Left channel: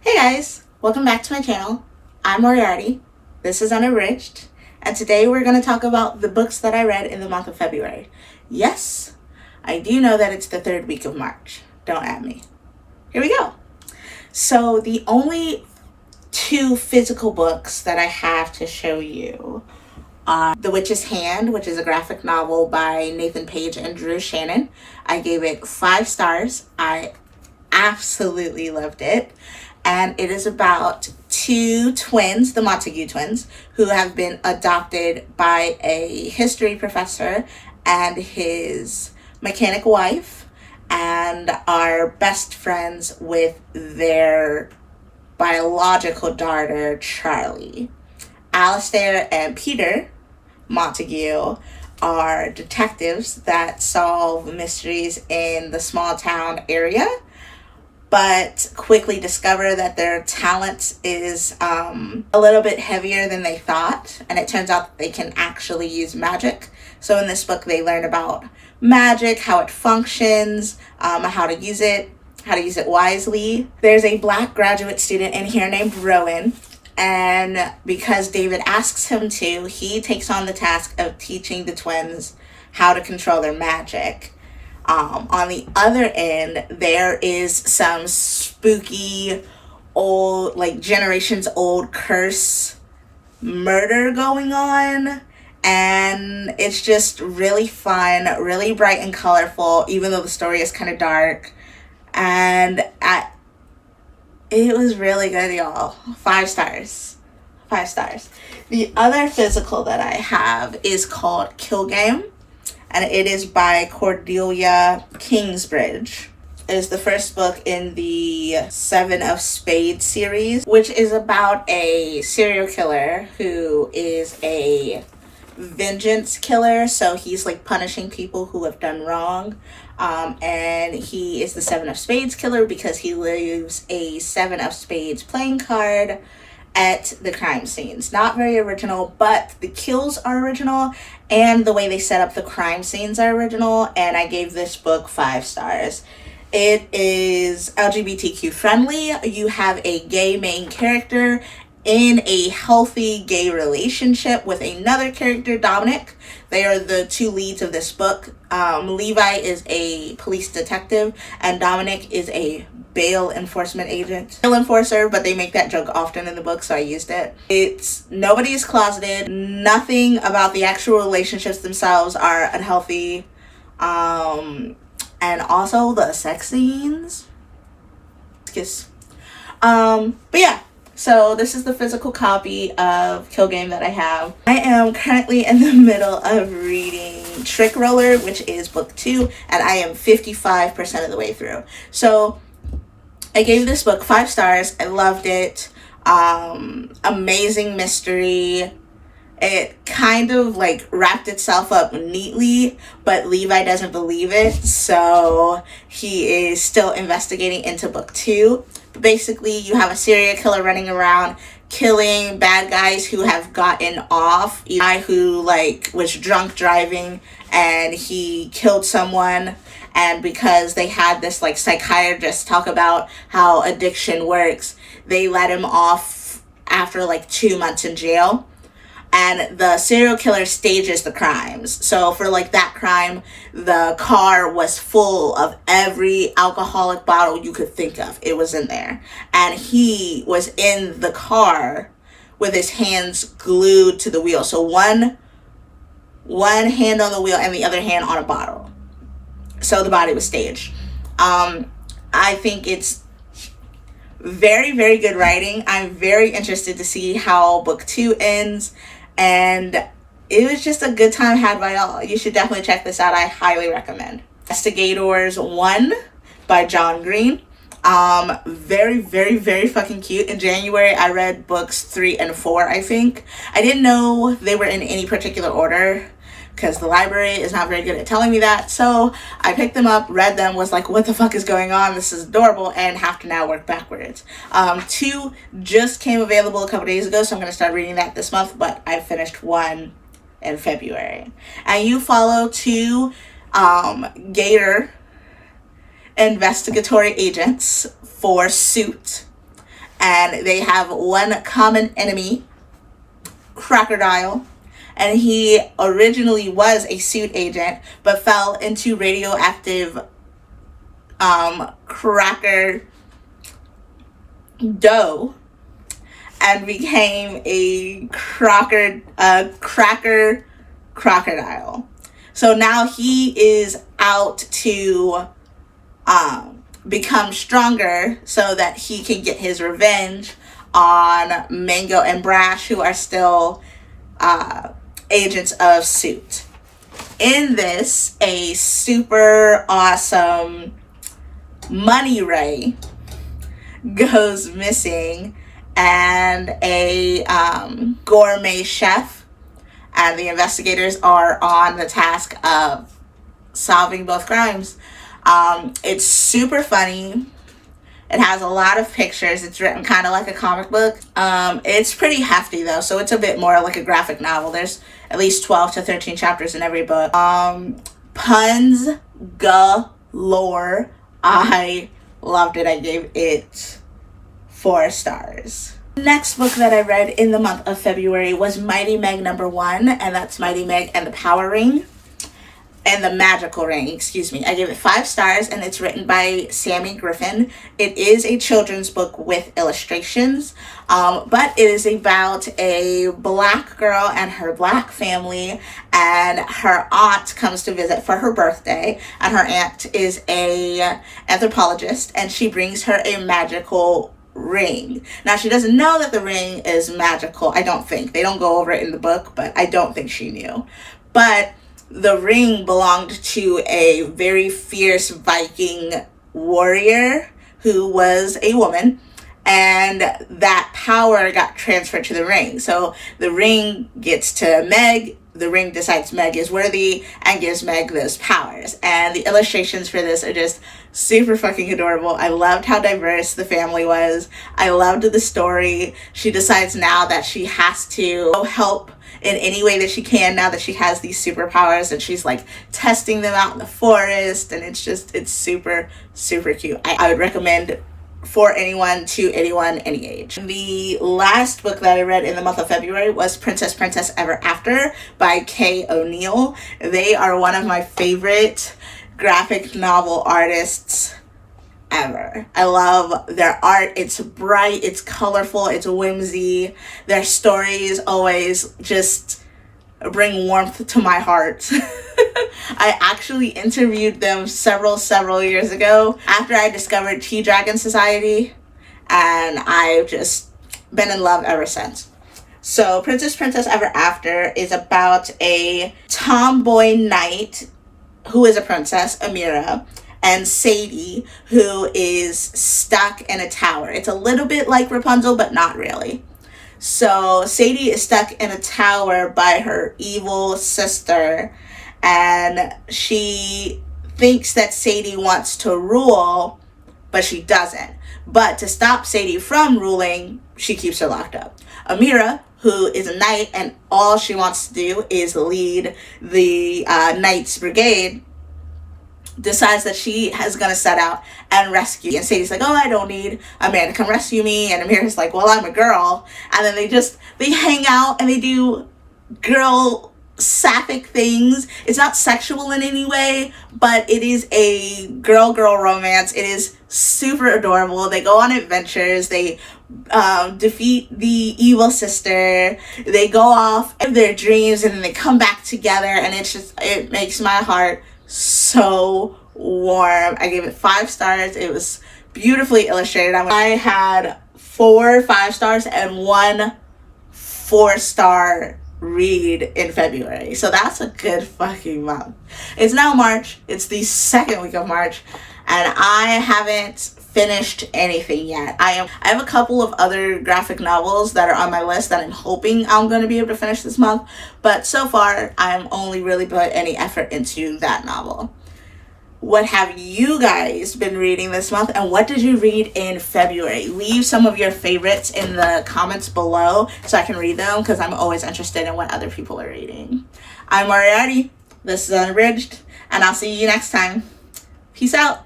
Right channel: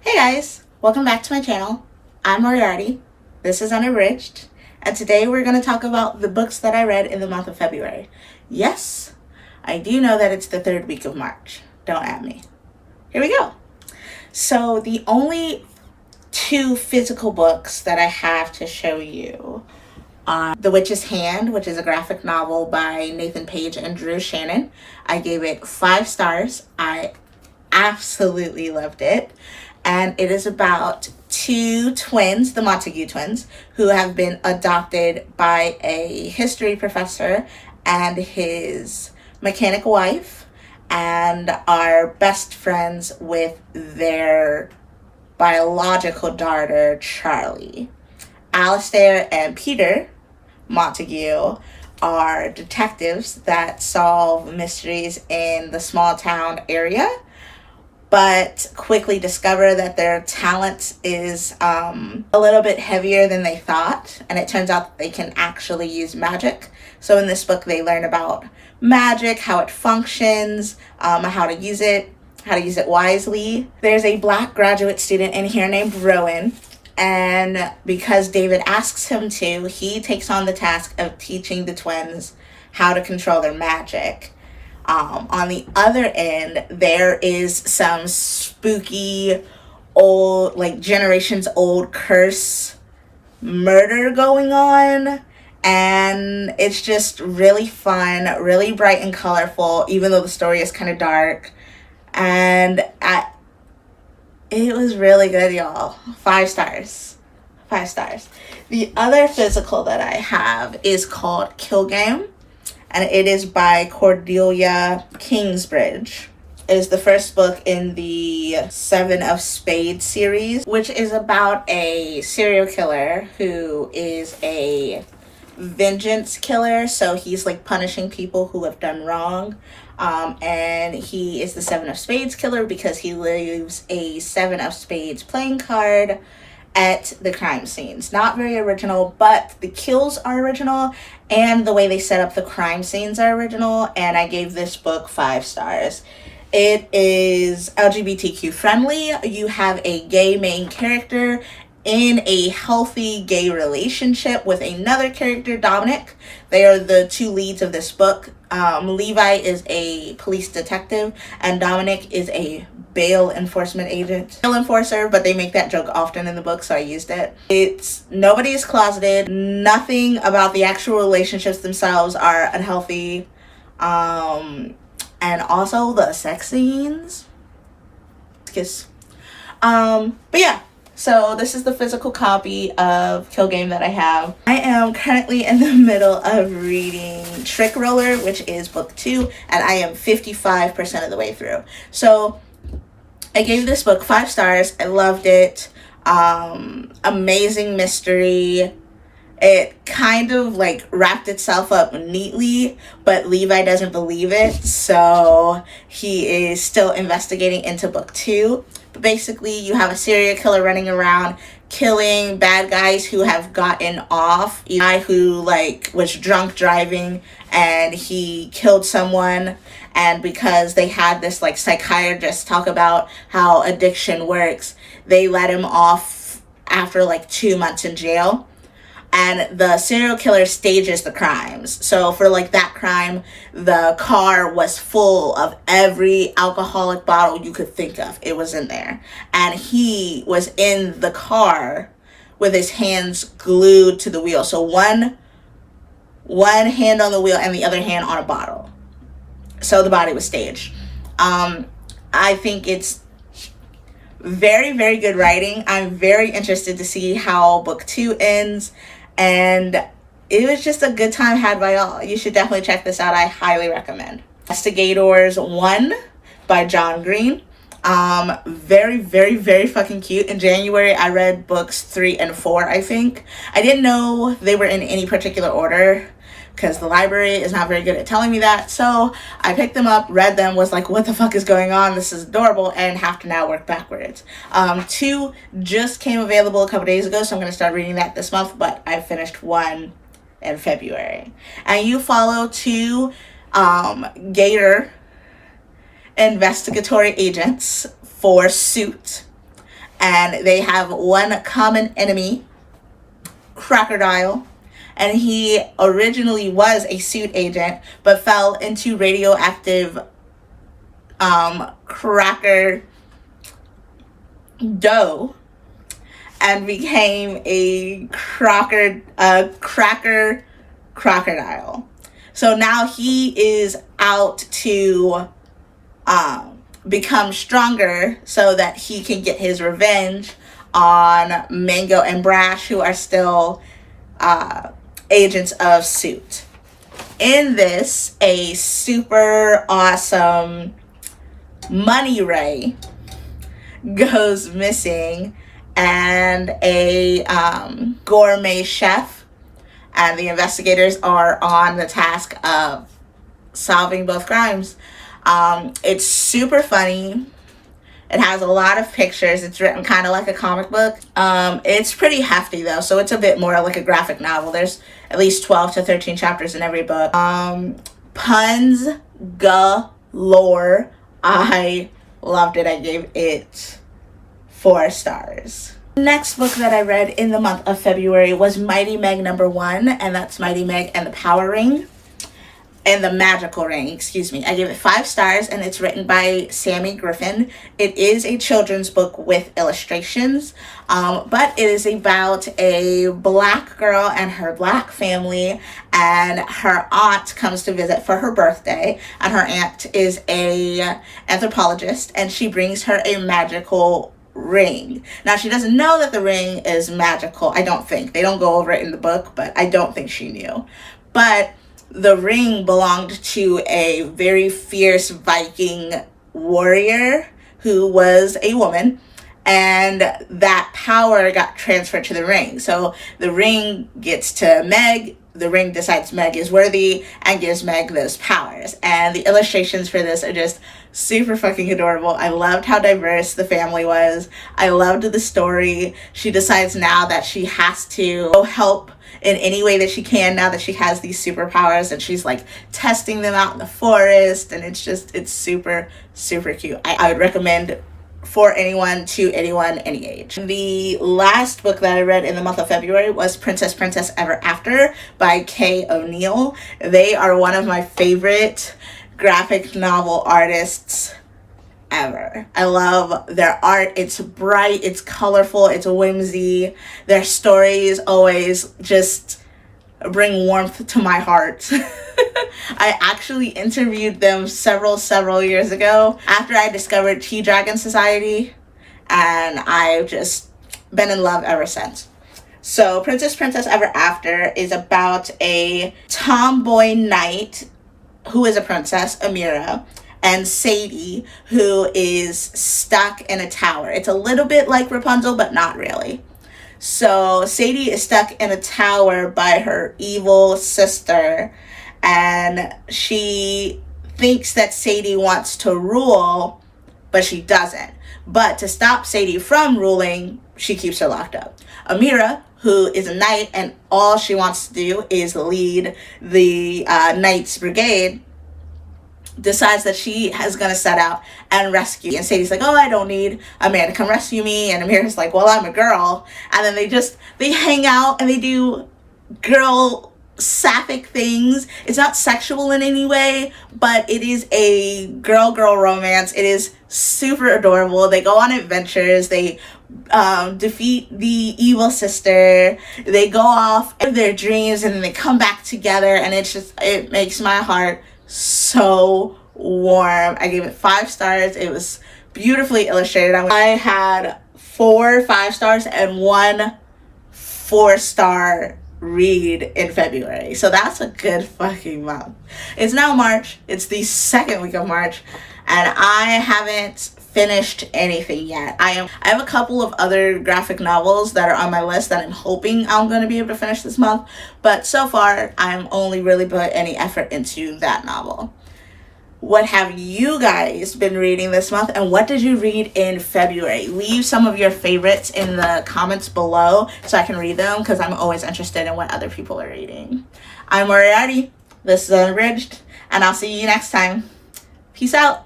Hey guys, welcome back to my channel. I'm Moriarty. This is Unabridged, and today we're going to talk about the books that I read in the month of February. Yes, I do know that it's the third week of March. Don't at me. Here we go. So the only two physical books that I have to show you are The Witch's Hand, which is a graphic novel by Nathan Page and Drew Shannon. I gave it 5 stars. I absolutely loved it. And it is about two twins, the Montague twins, who have been adopted by a history professor and his mechanic wife, and are best friends with their biological daughter, Charlie. Alistair and Peter Montague are detectives that solve mysteries in the small town area, but quickly discover that their talent is a little bit heavier than they thought, and it turns out that they can actually use magic. So in this book, they learn about magic, how it functions, how to use it wisely. There's a Black graduate student in here named Rowan, and because David asks him to, he takes on the task of teaching the twins how to control their magic. On the other end, there is some spooky, old, like generations old curse murder going on. And it's just really fun, really bright and colorful, even though the story is kind of dark. And it was really good, y'all. 5 stars. 5 stars. The other physical that I have is called Kill Game, and it is by Cordelia Kingsbridge. It is the first book in the Seven of Spades series, which is about a serial killer who is a vengeance killer. So he's like punishing people who have done wrong. And he is the Seven of Spades killer because he leaves a Seven of Spades playing card at the crime scenes. Not very original, but the kills are original, and the way they set up the crime scenes are original, and I gave this book 5 stars. It is LGBTQ friendly. You have a gay main character in a healthy gay relationship with another character, Dominic. They are the 2 leads of this book. Levi is a police detective, and Dominic is a bail enforcement agent. Bail enforcer, but they make that joke often in the book, so I used it. Nobody's closeted. Nothing about the actual relationships themselves are unhealthy. And also the sex scenes. Kiss. But yeah. So this is the physical copy of Kill Game that I have. I am currently in the middle of reading Trick Roller, which is book 2, and I am 55% of the way through. So I gave this book 5 stars. I loved it. Amazing mystery. It kind of like wrapped itself up neatly, but Levi doesn't believe it, so he is still investigating into book 2. But basically, you have a serial killer running around killing bad guys who have gotten off. A guy who like was drunk driving and he killed someone, and because they had this like psychiatrist talk about how addiction works, they let him off after like 2 months in jail. And the serial killer stages the crimes. So for like that crime, the car was full of every alcoholic bottle you could think of. It was in there. And he was in the car with his hands glued to the wheel. So one hand on the wheel and the other hand on a bottle. So the body was staged. I think it's very, very good writing. I'm very interested to see how book 2 ends. And it was just a good time had by all. You should definitely check this out. I highly recommend. Investigators 1 by John Green. Very, very, very fucking cute. In January, I read books 3 and 4, I think. I didn't know they were in any particular order because the library is not very good at telling me that. So I picked them up, read them, was like, what the fuck is going on? This is adorable, and have to now work backwards. 2 just came available a couple days ago, so I'm going to start reading that this month, but I finished 1 in February. And you follow 2 Gator investigatory agents for Suit, and they have one common enemy, Crocodile. And he originally was a suit agent, but fell into radioactive cracker dough and became a cracker crocodile. So now he is out to become stronger so that he can get his revenge on Mango and Brash, who are still agents of Suit. In this, a super awesome money ray goes missing, and a gourmet chef, and the investigators are on the task of solving both crimes. It's super funny. It has a lot of pictures. It's written kind of like a comic book. It's pretty hefty though, so it's a bit more like a graphic novel. There's at least 12 to 13 chapters in every book. Puns galore. I loved it. I gave it 4 stars. Next book that I read in the month of February was Mighty Meg #1, and that's Mighty Meg and the Power Ring. And the Magical Ring, excuse me. I gave it 5 stars, and it's written by Sammy Griffin. It is a children's book with illustrations, but it is about a black girl and her black family, and her aunt comes to visit for her birthday, and her aunt is a anthropologist, and she brings her a magical ring. Now, she doesn't know that the ring is magical. I don't think. They don't go over it in the book, but I don't think she knew. But the ring belonged to a very fierce Viking warrior who was a woman, and that power got transferred to the ring. So the ring gets to Meg, the ring decides Meg is worthy and gives Meg those powers. And the illustrations for this are just super fucking adorable. I loved how diverse the family was. I loved the story. She decides now that she has to help in any way that she can now that she has these superpowers, and she's like testing them out in the forest, and it's super, super cute. I would recommend for anyone, to anyone, any age. The last book that I read in the month of February was Princess Ever After by Kay O'Neill. They are one of my favorite graphic novel artists ever. I love their art. It's bright, it's colorful, it's whimsy. Their stories always just bring warmth to my heart. I actually interviewed them several years ago after I discovered Tea Dragon Society, and I've just been in love ever since. So Princess Ever After is about a tomboy knight who is a princess, Amira, and Sadie, who is stuck in a tower. It's a little bit like Rapunzel, but not really. So Sadie is stuck in a tower by her evil sister, and she thinks that Sadie wants to rule, but she doesn't. But to stop Sadie from ruling, she keeps her locked up. Amira, who is a knight, and all she wants to do is lead the Knights Brigade, decides that she is going to set out and rescue. And Sadie's like, oh, I don't need a man to come rescue me. And Amira's like, well, I'm a girl. And then they hang out and they do girl sapphic things. It's not sexual in any way, but it is a girl romance. It is super adorable. They go on adventures. They defeat the evil sister. They go off in their dreams, and then they come back together, and it makes my heart so warm. I gave it 5 stars. It was beautifully illustrated. I had 4 5 stars and 1 4-star read in February. So that's a good fucking month. It's now March. It's the 2nd week of March, and I haven't finished anything yet. I have a couple of other graphic novels that are on my list that I'm hoping I'm going to be able to finish this month, but so far I'm only really put any effort into that novel. What have you guys been reading this month, and what did you read in February? Leave some of your favorites in the comments below so I can read them, because I'm always interested in what other people are reading. I'm Moriarty. This is Unabridged, and I'll see you next time. Peace out.